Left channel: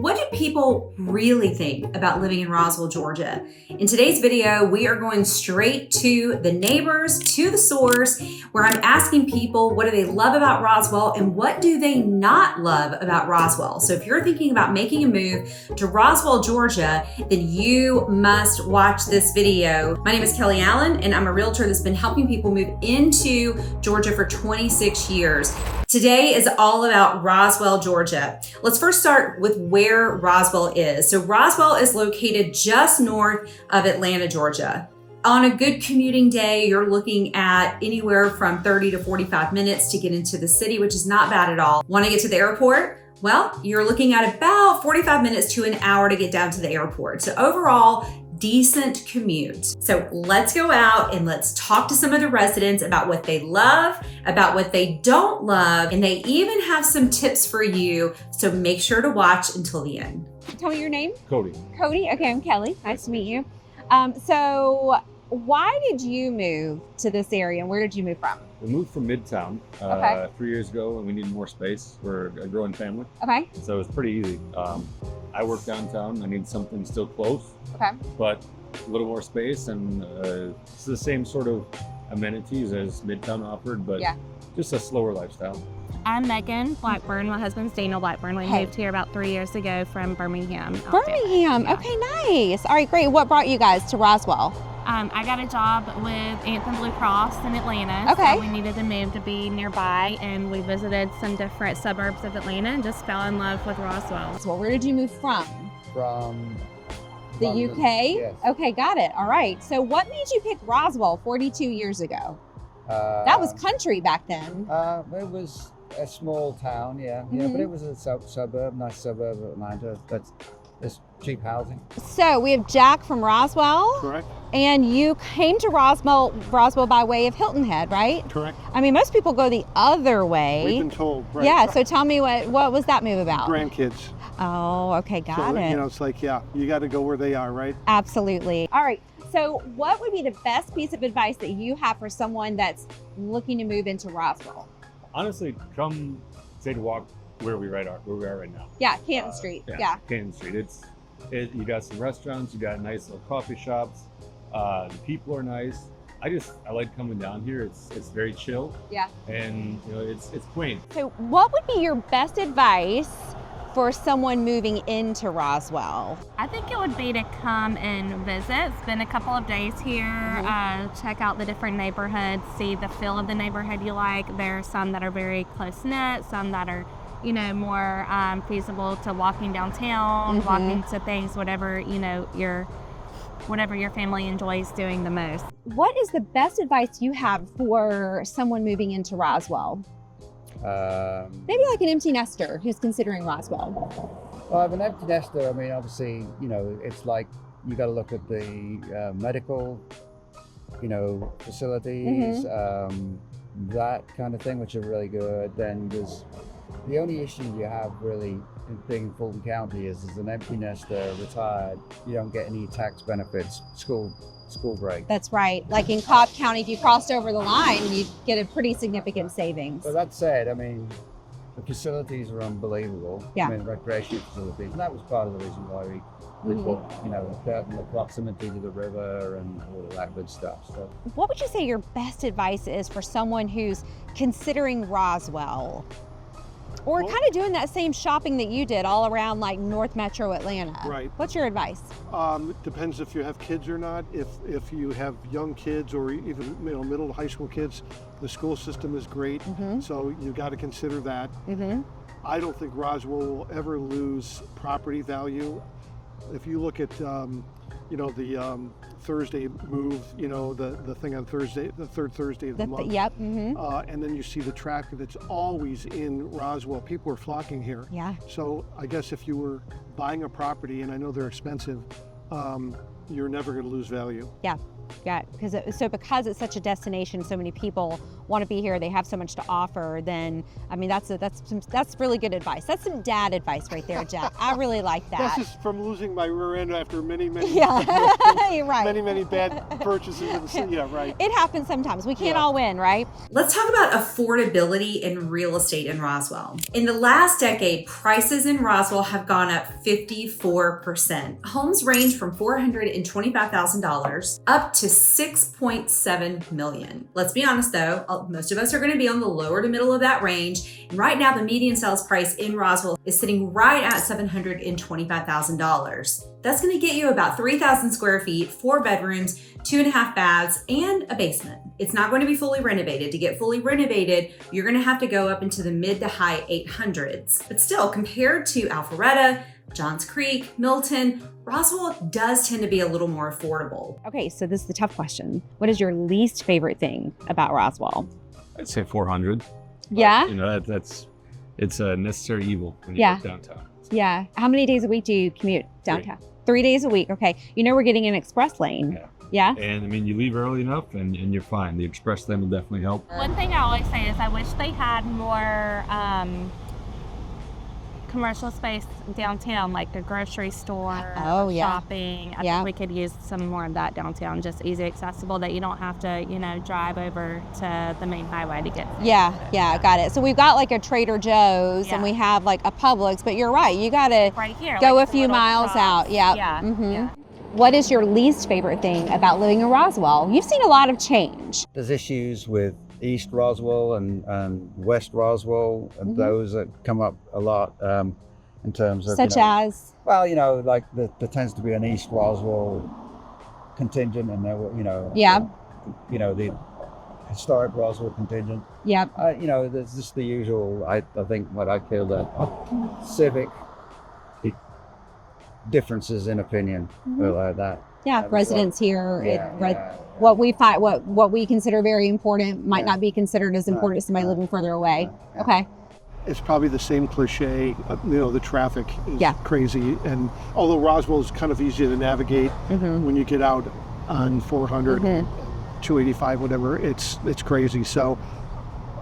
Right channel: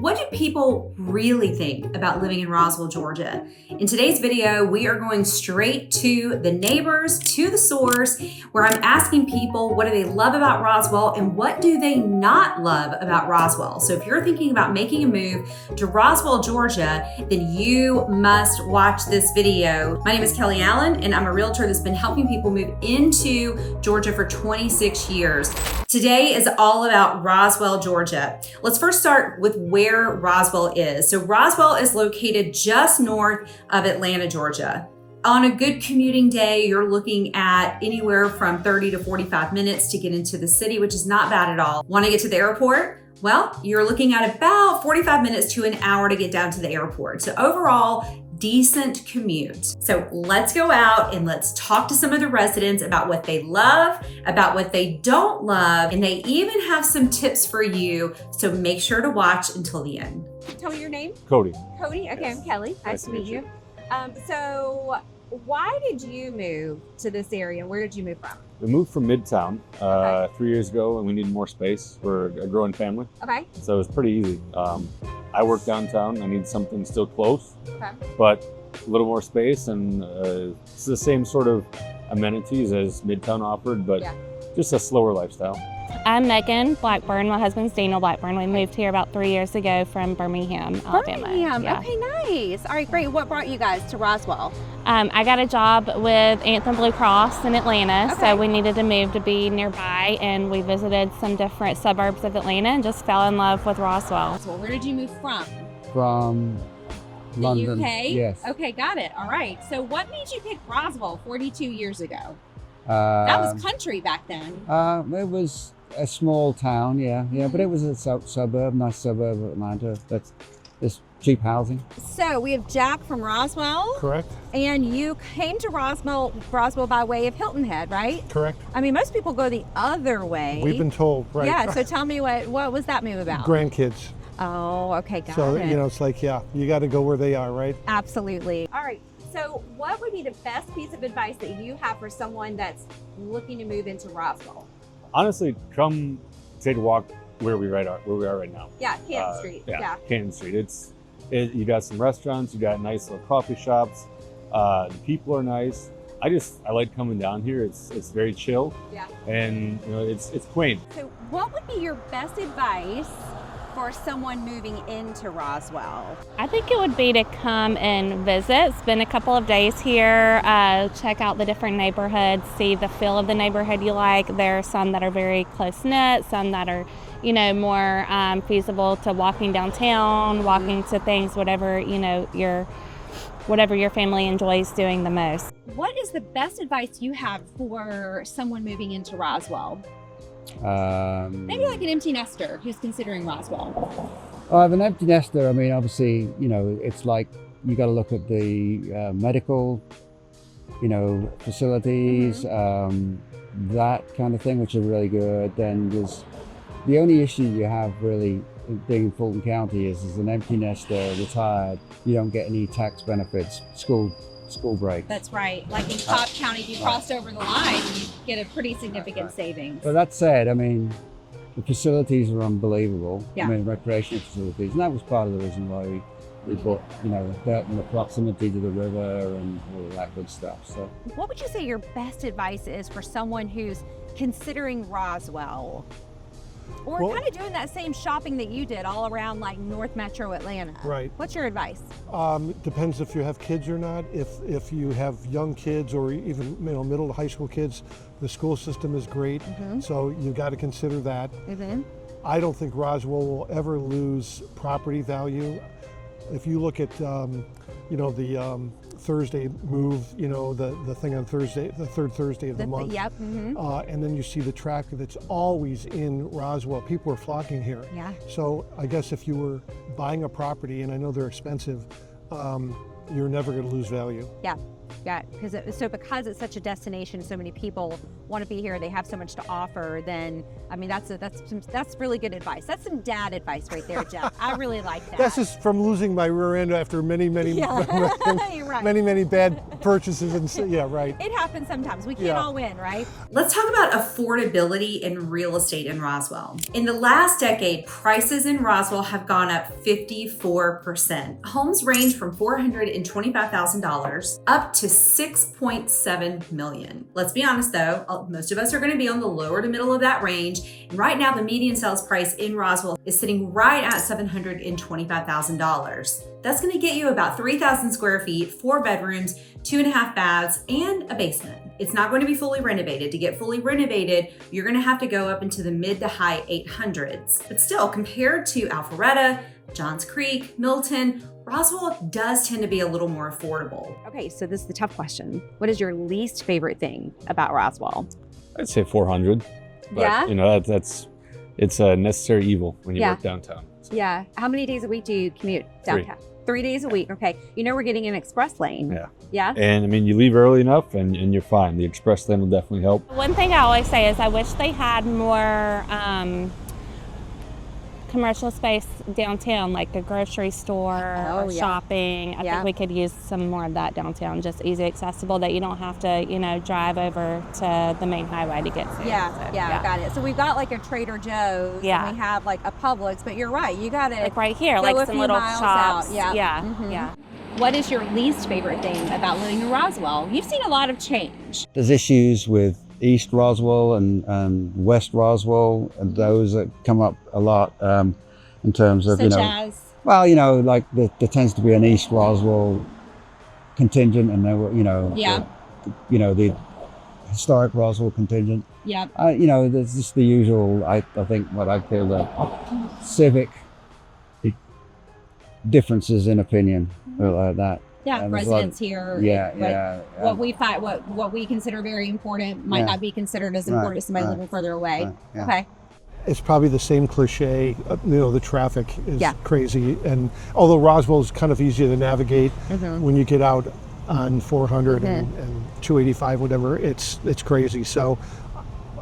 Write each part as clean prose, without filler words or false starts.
What do people really think about living in Roswell, Georgia? In today's video, we are going straight to the neighbors, to the source, where I'm asking people what do they love about Roswell and what do they not love about Roswell. So if you're thinking about making a move to Roswell, Georgia, then you must watch this video. My name is Kelly Allen, and I'm a realtor that's been helping people move into Georgia for 26 years. Today is all about Roswell, Georgia. Let's first start with where Roswell is. So Roswell is located just north of Atlanta, Georgia. On a good commuting day, you're looking at anywhere from 30 to 45 minutes to get into the city, which is not bad at all. Want to get to the airport? Well, you're looking at about 45 minutes to an hour to get down to the airport. So overall, decent commute. So let's go out and let's talk to some of the residents about what they love, about what they don't love, and they even have some tips for you. So make sure to watch until the end. Tell me your name. Cody. Cody. Okay, I'm Kelly. Nice to meet you. So why did you move to this area and where did you move from? We moved from Midtown 3 years ago, and we needed more space for a growing family. Okay. So it was pretty easy. I work downtown. I need something still close, Okay. but a little more space, and it's the same sort of amenities as Midtown offered, but Yeah. just a slower lifestyle. I'm Megan Blackburn. My husband's Daniel Blackburn. We moved here about 3 years ago from Birmingham, Alabama. Birmingham. Yeah. Okay, nice. All right, great. What brought you guys to Roswell? I got a job with Anthem Blue Cross in Atlanta, Okay. so we needed to move to be nearby, and we visited some different suburbs of Atlanta and just fell in love with Roswell. So where did you move from? From The London. UK? Yes. Okay, got it. All right. So what made you pick Roswell 42 years ago? That was country back then. It was a small town, yeah, but it was a suburb, nice suburb of Atlanta. That's it's cheap housing. So we have Jack from Roswell. Correct. And you came to Roswell by way of Hilton Head, right? Correct. I mean, most people go the other way. We've been told, right? Yeah, so tell me what was that move about? Grandkids. Oh, okay, got So, it. it's like, yeah, you got to go where they are, right? Absolutely. All right, so what would be the best piece of advice that you have for someone that's looking to move into Roswell? Honestly, come take a walk where we are right now. Yeah, Canton Street, yeah. Canton Street. You got some restaurants, you got nice little coffee shops. The people are nice. I like coming down here. It's very chill. Yeah. And it's quaint. So what would be your best advice for someone moving into Roswell? I think it would be to come and visit, spend a couple of days here, check out the different neighborhoods, see the feel of the neighborhood you like. There are some that are very close-knit, some that are more feasible to walking downtown, walking to things, whatever your family enjoys doing the most. What is the best advice you have for someone moving into Roswell? Maybe like an empty nester who's considering Roswell. I have an empty nester. I mean, obviously, it's like you got to look at the medical, facilities, that kind of thing, which are really good. Then there's the only issue you have really being in Fulton County is as an empty nester, retired, you don't get any tax benefits, school break. That's right. Like in Cobb County, if you crossed over the line, you get a pretty significant savings. But that said, I mean, the facilities are unbelievable. Yeah. I mean, recreation facilities, and that was part of the reason why we put, the proximity to the river and all of that good stuff. So, What would you say your best advice is for someone who's considering Roswell? Or kind of doing that same shopping that you did all around like North Metro Atlanta. Right. What's your advice? It depends if you have kids or not. If you have young kids or even middle to high school kids, the school system is great. So you got to consider that. I don't think Roswell will ever lose property value. If you look at the Thursday move, the thing on Thursday, the third Thursday of the month. Yep. And then you see the traffic that's always in Roswell. People are flocking here. Yeah. So I guess if you were buying a property, and I know they're expensive, you're never going to lose value. Yeah. Yeah, because it's such a destination, so many people want to be here. They have so much to offer. Then, I mean, that's really good advice. That's some dad advice right there, Jeff. I really like that. That's just from losing my rear end after many You're right. many bad purchases. And yeah, right. It happens sometimes. We can't all win, right? Let's talk about affordability in real estate in Roswell. In the last decade, prices in Roswell have gone up 54%. Homes range from $425,000 up to $6.7 million. Let's be honest though, most of us are going to be on the lower to middle of that range. And right now, the median sales price in Roswell is sitting right at $725,000. That's going to get you about 3,000 square feet, 4 bedrooms, 2.5 baths, and a basement. It's not going to be fully renovated. To get fully renovated, you're going to have to go up into the mid to high 800s. But still, compared to Alpharetta, Johns Creek, Milton, Roswell does tend to be a little more affordable. Okay, so this is the tough question. What is your least favorite thing about Roswell? I'd say 400. But, Yeah? you know, it's a necessary evil when you live downtown. So. Yeah. How many days a week do you commute downtown? 3 days a week. Okay. You know we're getting an express lane. Yeah. Yeah? And I mean, you leave early enough and you're fine. The express lane will definitely help. One thing I always say is I wish they had more commercial space downtown, like a grocery store, shopping. I think we could use some more of that downtown, just easy accessible, that you don't have to, drive over to the main highway to get to. I got it. So we've got like a Trader Joe's and we have like a Publix, but you're right, you gotta like right here, go like a few miles shops. out. Yeah. Yeah. What is your least favorite thing about living in Roswell? You've seen a lot of change. There's issues with East Roswell and West Roswell, and those that come up a lot in terms of, Such as? Well, like there tends to be an East Roswell contingent, and there were, the historic Roswell contingent. Yeah. There's just the usual, I think what I call the civic differences in opinion, like that. Yeah, residents here. Yeah. What we find, what we consider very important might not be considered as important as somebody living further away. Yeah. Okay. It's probably the same cliche, the traffic is crazy. And although Roswell is kind of easy to navigate, when you get out on 400 and 285, whatever, it's crazy. So,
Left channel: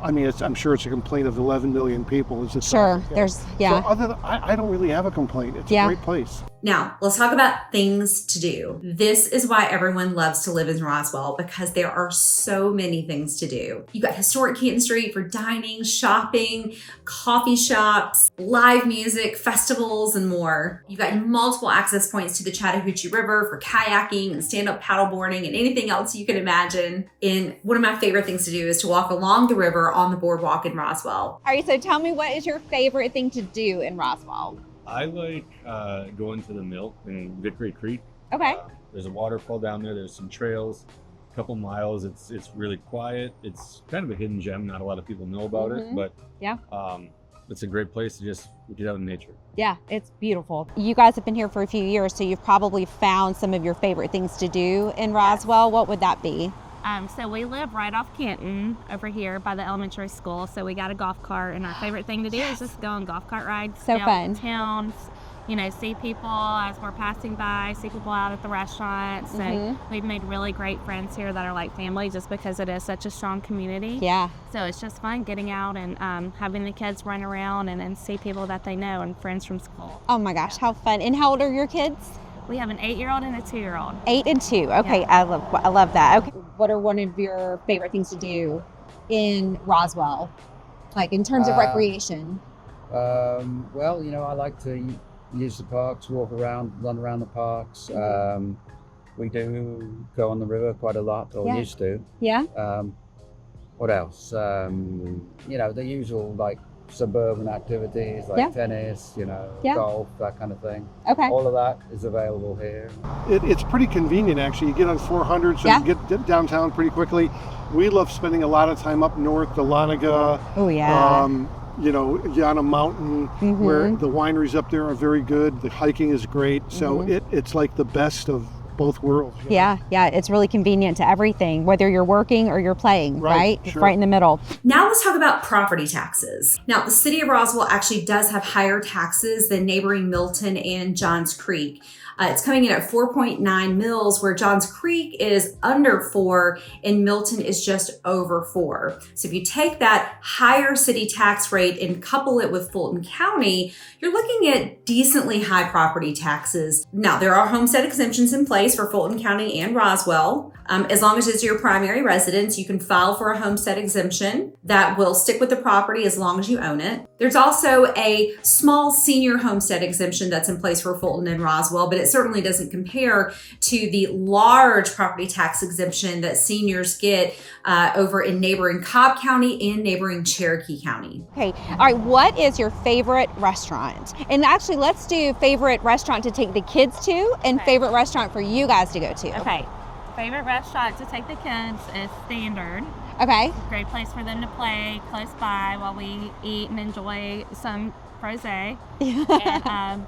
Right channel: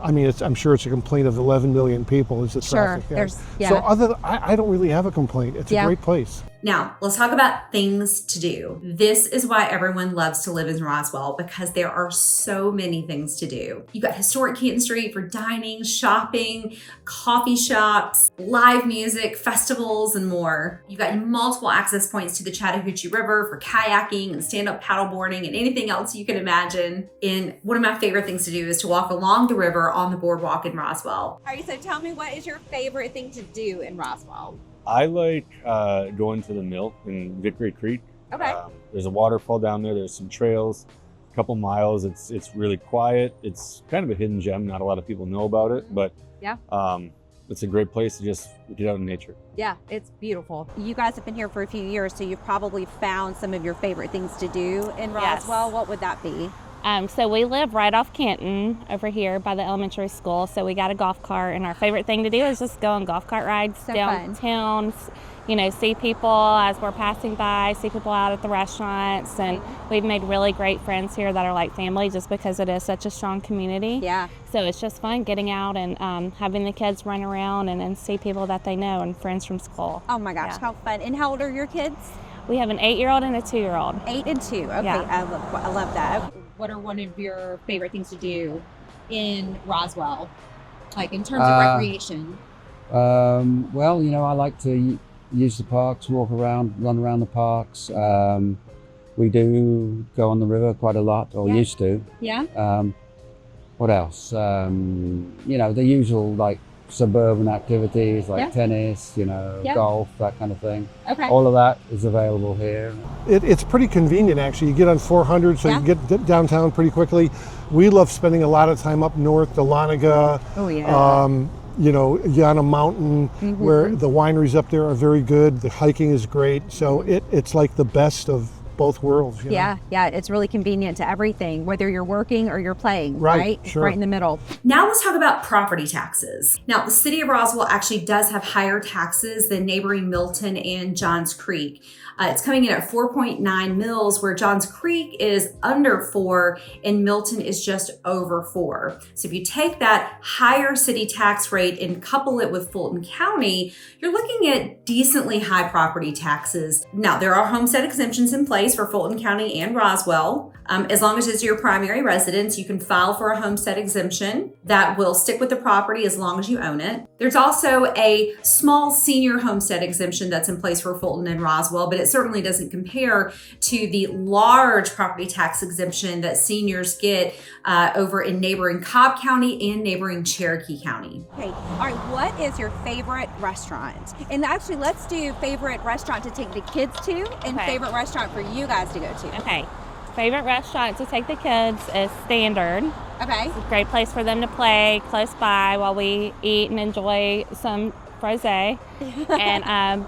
I mean, I'm sure it's a complaint of 11 million people. Is sure, there's, So I don't really have a complaint. It's a great place. Now, let's talk about things to do. This is why everyone loves to live in Roswell, because there are so many things to do. You've got historic Keaton Street for dining, shopping, coffee shops, live music, festivals, and more. You've got multiple access points to the Chattahoochee River for kayaking and stand-up paddleboarding and anything else you can imagine. And one of my favorite things to do is to walk along the river on the boardwalk in Roswell. All right, so tell me, what is your favorite thing to do in Roswell? I like going to the mill in Victory Creek. Okay. There's a waterfall down there. There's some trails, a couple miles. It's really quiet. It's kind of a hidden gem. Not a lot of people know about it, but it's a great place to just get out in nature. Yeah, it's beautiful. You guys have been here for a few years, so you've probably found some of your favorite things to do in Roswell. Yes. What would that be? So we live right off Canton over here by the elementary school. So we got a golf cart, and our favorite thing to do is just go on golf cart rides downtown. See people as we're passing by, see people out at the restaurants, and we've made really great friends here that are like family, just because it is such a strong community. Yeah. So it's just fun getting out and having the kids run around and see people that they know and friends from school. Oh my gosh, how fun. And how old are your kids? We have an 8-year-old and a 2-year-old. 8 and 2. Okay, Yeah. I love that. Okay. What are one of your favorite things to do in Roswell, like in terms of recreation? Well, I like to use the parks, walk around, run around the parks. We do go on the river quite a lot, or used to. Yeah. What else? The usual like suburban activities like tennis, golf, that kind of thing. Okay. All of that is available here. It's pretty convenient, actually. You get on 400, so you get downtown pretty quickly. We love spending a lot of time up north, the Laniga. Oh, yeah. Yana Mountain, where the wineries up there are very good. The hiking is great. So it's like the best of both worlds. you know? Yeah, it's really convenient to everything, whether you're working or you're playing, right? It's Sure. right in the middle. Now let's talk about property taxes. Now, the city of Roswell actually does have higher taxes than neighboring Milton and Johns Creek. It's coming in at 4.9 mils, where Johns Creek is under 4 and Milton is just over 4. So if you take that higher city tax rate and couple it with Fulton County, you're looking at decently high property taxes. Now, there are homestead exemptions in place for Fulton County and Roswell. As long as it's your primary residence, you can file for a homestead exemption that will stick with the property as long as you own it. There's also a small senior homestead exemption that's in place for Fulton and Roswell, but it certainly doesn't compare to the large property tax exemption that seniors get over in neighboring Cobb County and neighboring Cherokee County. Okay, all right, what is your favorite restaurant? And actually, let's do favorite restaurant to take the kids to and favorite restaurant for you guys to go to. Okay. Favorite restaurant to take the kids is Standard. Okay. It's a great place for them to play close by while we eat and enjoy some rosé. And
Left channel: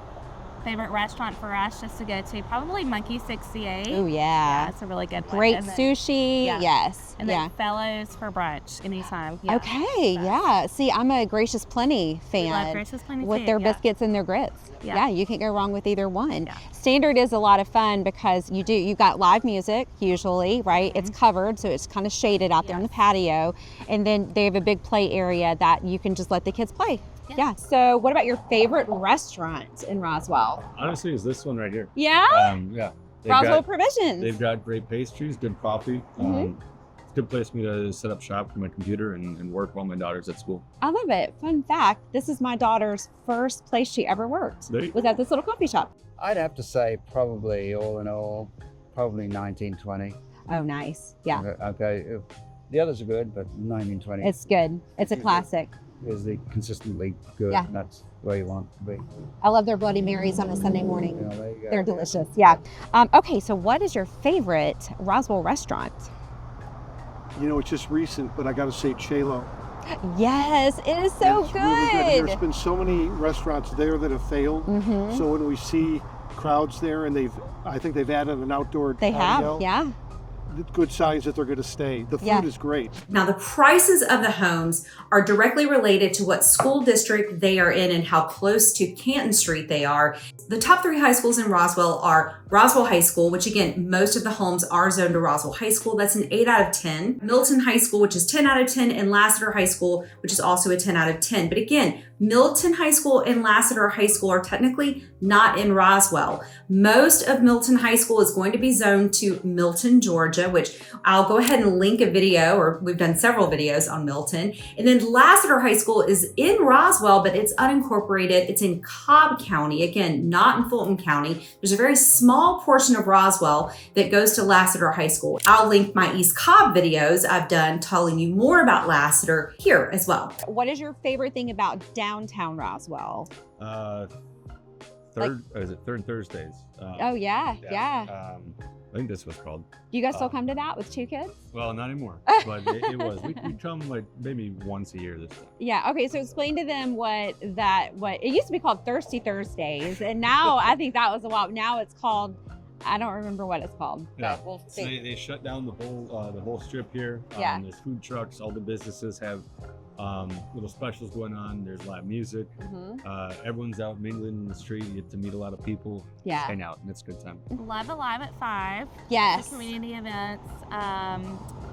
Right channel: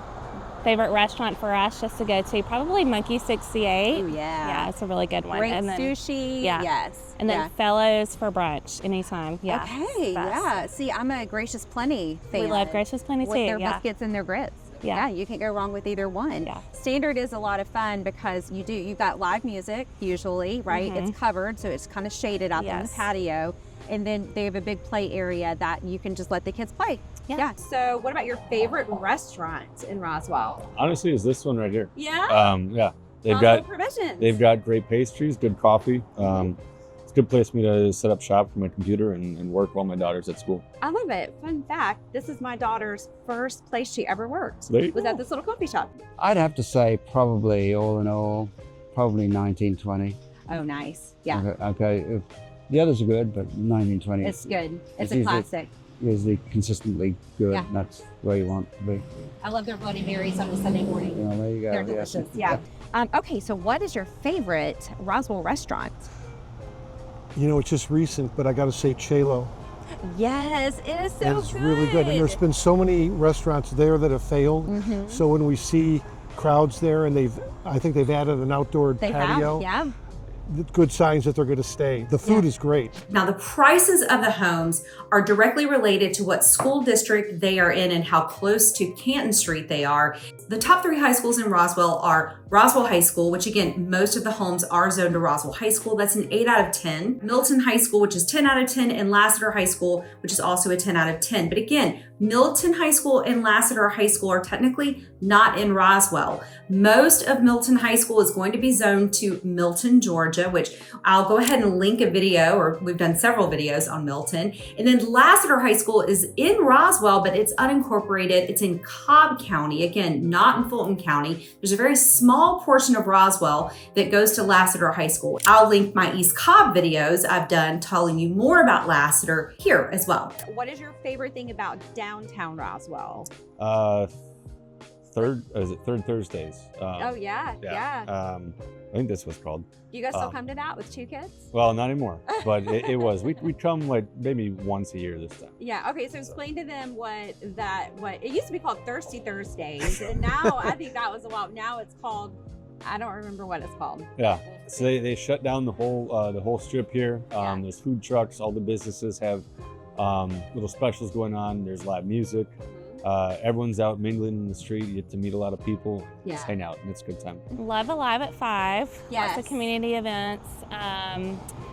favorite restaurant for us just to go to, probably Monkey 68. Oh, Yeah, it's a really good one. Great And then- sushi. Yeah. Yes. And then Fellows for brunch anytime. Yeah. Okay, yeah. See, I'm a Gracious Plenty fan. We love Gracious Plenty with too. their yeah. biscuits and their grits. Yeah. You can't go wrong with either one. Yeah. Standard is a lot of fun because you've got live music usually, right? It's covered, so it's kind of shaded out there in the Yes. patio. And then they have a big play area that you can just let the kids play. Yeah. So what about your favorite restaurant in Roswell? Honestly, is this one right here. Yeah? Yeah. They've Roswell got Provisions. they've got great pastries, good coffee. It's a good place for me to set up shop for my computer and work while my daughter's at school. I love it. Fun fact, this is my daughter's first place she ever worked. There you Was at this little coffee shop. I'd have to say probably all in all, probably 1920. Oh, nice. Yeah, Okay. The others are good, but 1920 it's good. It's a usually- classic. is the consistently good. Yeah. That's where you want to be. I love their Bloody Marys on a Sunday morning. You know, there you go. They're delicious. Yeah. Okay, so what is your favorite Roswell restaurant? You know, it's just recent, but I got to say Chelo. Yes, it is so It's good. really good. And there's been so many restaurants there that have failed. So when we see crowds there, and I think they've added an outdoor They patio, have, yeah. good signs that they're going to stay. The food is great. Now, the prices of the homes are directly related to what school district they are in and how close to Canton Street they are. The top 3 high schools in Roswell are Roswell High School, which again, most of the homes are zoned to Roswell High School. That's an 8 out of 10. Milton High School, which is 10 out of 10, and Lassiter High School, which is also a 10 out of 10. But again, Milton High School and Lassiter High School are technically not in Roswell. Most of Milton High School is going to be zoned to Milton, Georgia, which I'll go ahead and link a video, or we've done several videos on Milton. And then Lassiter High School is in Roswell, but it's unincorporated. It's in Cobb County, again, not in Fulton County. There's a very small portion of Roswell that goes to Lassiter High School. I'll link my East Cobb videos I've done telling you more about Lassiter here as well. What is your favorite thing about downtown Roswell? Third Thursdays. Oh, yeah. I think that's what's called. Do you guys still come to that with 2 kids? Well, not anymore, but it was. We come like maybe once a year this time. Yeah. Okay. So explain to them what it used to be called Thirsty Thursdays, and now I think that was a while. Now it's called, I don't remember what it's called. Yeah. So they shut down the whole strip here. There's food trucks. All the businesses have little specials going on. There's live music. Everyone's out mingling in the street. You get to meet a lot of people. Yeah. Just hang out, and it's a good time. Love Alive at 5. Yes. Lots of community events.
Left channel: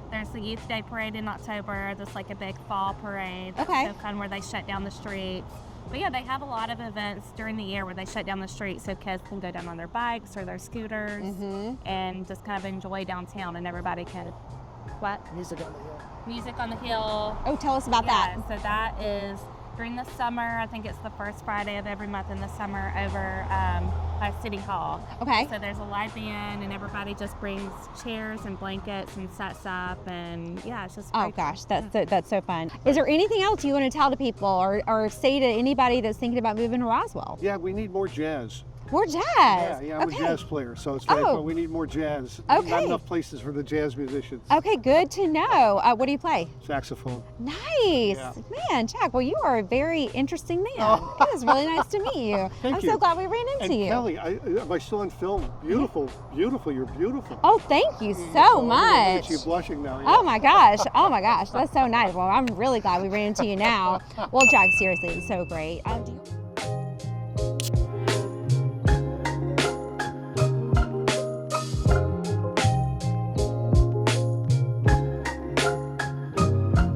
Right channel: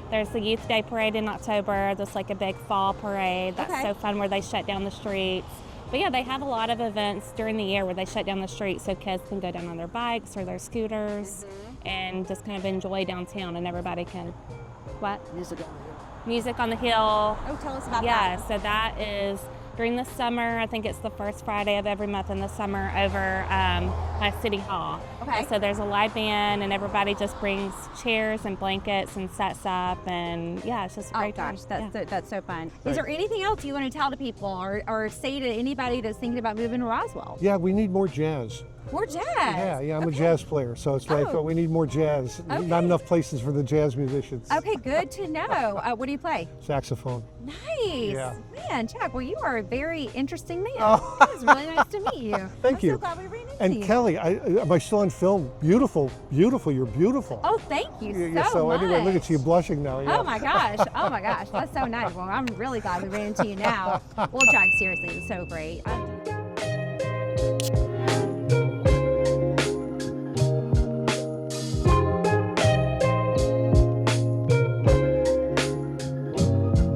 There's the Youth Day Parade in October. There's like a big fall parade. That's so fun, where they shut down the streets. But yeah, they have a lot of events during the year where they shut down the streets so kids can go down on their bikes or their scooters and just kind of enjoy downtown, and everybody can, Music on the Hill. Oh, tell us about that. Yeah, so that is during the summer. I think it's the first Friday of every month in the summer over by City Hall. Okay. So there's a live band, and everybody just brings chairs and blankets and sets up, and yeah, it's just great. Oh gosh, that's so fun. Is there anything else you want to tell to people or say to anybody that's thinking about moving to Roswell? Yeah, we need more jazz. More jazz. Yeah, I'm a jazz player, so it's like, but we need more jazz. Okay. Not enough places for the jazz musicians. Okay, good to know. What do you play? Saxophone. Nice. Yeah. Man, Jack, well, you are a very interesting man. Oh. It was really nice to meet you. Thank I'm you. so glad we ran into And you. Kelly, am I still on film? Beautiful, beautiful. You're beautiful. Oh, thank you Yeah, so look at much. you blushing now. Yeah. Oh my gosh. Oh my gosh. That's so nice. Well, I'm really glad we ran into you now. Well, Jack, seriously, it was so great.